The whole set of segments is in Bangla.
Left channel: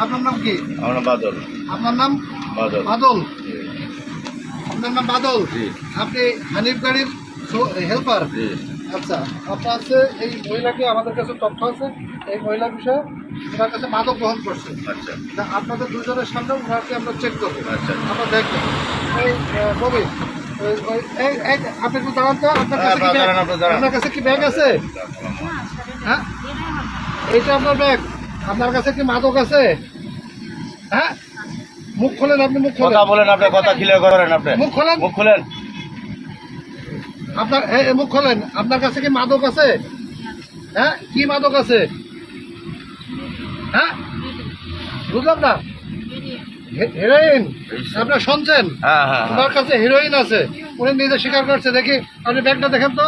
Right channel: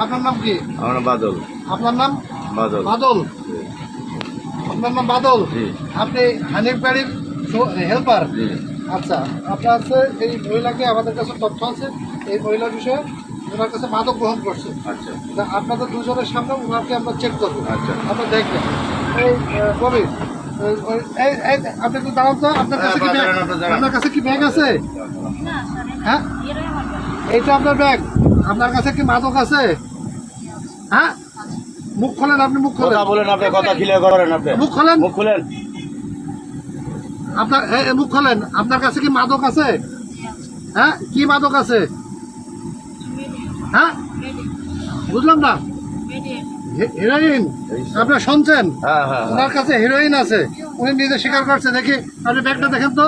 আপনার নাম কি? আমার নাম বাদল। আপনার নাম বাদল। বাদল। আপনার নাম বাদল। জি আপনি হানিফ গাড়ির হেল্পার। জি। আচ্ছা, আপনার আছে এই মহিলাকে আমাদের কাছে তথ্য আছে এই মহিলার বিষয়ে ওনার কাছে মাদক গ্রহণ করছে। আচ্ছা তা আপনাদের দুজনের সামনে ওনাকে আমরা চেক করবো। আচ্ছা। আপনারা দেখবেন এই ববি আপনি একটু দাঁড়ান তো। আপনার কাছে কি ব্যাগ? আপনার কাছে কি ব্যাগ আছে? হ্যাঁ, এইটা আপনার ব্যাগ। আপনার কাছে কি মাদক আছে? হ্যাঁ, মুখ খোলেন। আপনি মুখ খোলেন। কথা বলেন, আপনার কথা ক্লিয়ার করেন। আপনি মুখ খোলেন। মুখ খুলেন। আপনার মুখ খোলেন। আপনার কাছে কি মাদক আছে? হ্যাঁ, কি মাদক আছে? হ্যাঁ, বুঝলাম না। হেরোইন আপনার শুনছেন? হ্যাঁ হ্যাঁ ওনার কাছে হেরোইন আছে, উনি নিজে স্বীকার করছে। দেখি আপনি ব্যাগটা দেখেন তো।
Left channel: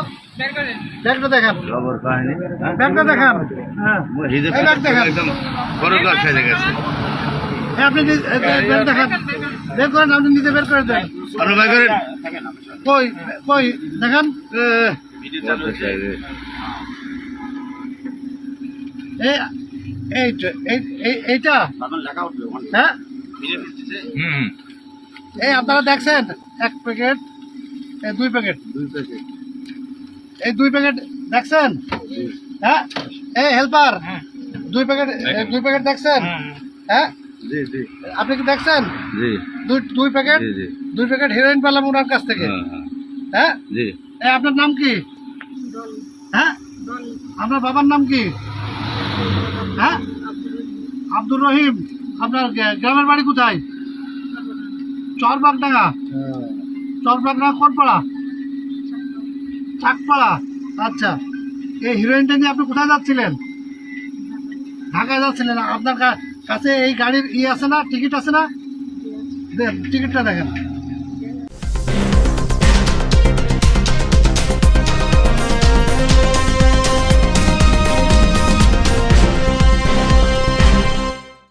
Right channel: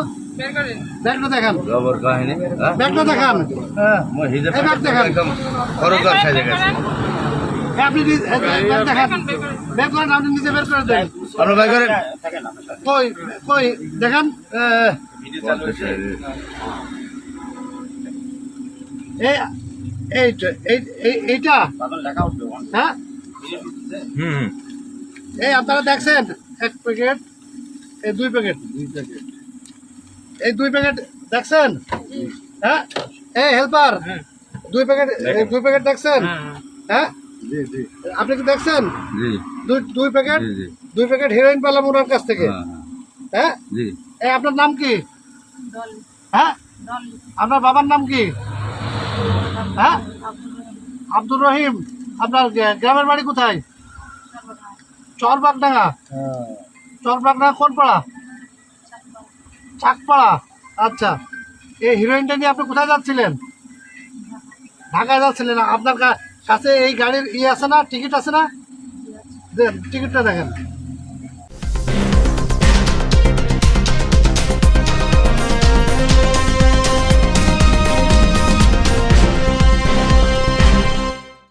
ব্যাগটা দেখেন। খবর কাহিনী ব্যাগটা দেখান। হ্যাঁ, এই ব্যাগ দেখেন। একদম খরচদার সাইজে গেছে। হ্যাঁ, আপনি ব্যাগ দেখান। বের করেন, আপনি নিজে বের করে দেন। আপনার ভাই করেন। কই কই দেখেন। এইটা হ্যাঁ, এই আপনারা দেখছেন এক প্যাকেট, এই দুই প্যাকেট, এই দুই প্যাকেট দেখছেন? হ্যাঁ, এই হেল্পার দুই প্যাকেট দেখছেন? হ্যাঁ, জি জি আপনি কি দেখছেন? জি দুই প্যাকেট, জি জি দুই প্যাকেট হেরোইন পেলাম ওনার কাছ থেকে। হ্যাঁ, জি। এই আপনার নাম কি? হ্যাঁ, আপনার বাবার নাম কি? হ্যাঁ, আব্দুর রহিম। আপনার গ্রামের বাড়ি কোথায়? চরবাগডাঙ্গা। চরবাগডাঙ্গা কোন পাড়া? চাকপাড়া। আচ্ছা, এই হিরোইনটা নিয়ে আপনি কোথায় যাচ্ছিলেন? ঢাকায় যাচ্ছিলেন। আপনার কাছে এই গাড়ির আছে না, টিকিট আছে না? টিকিটটা দেখেন।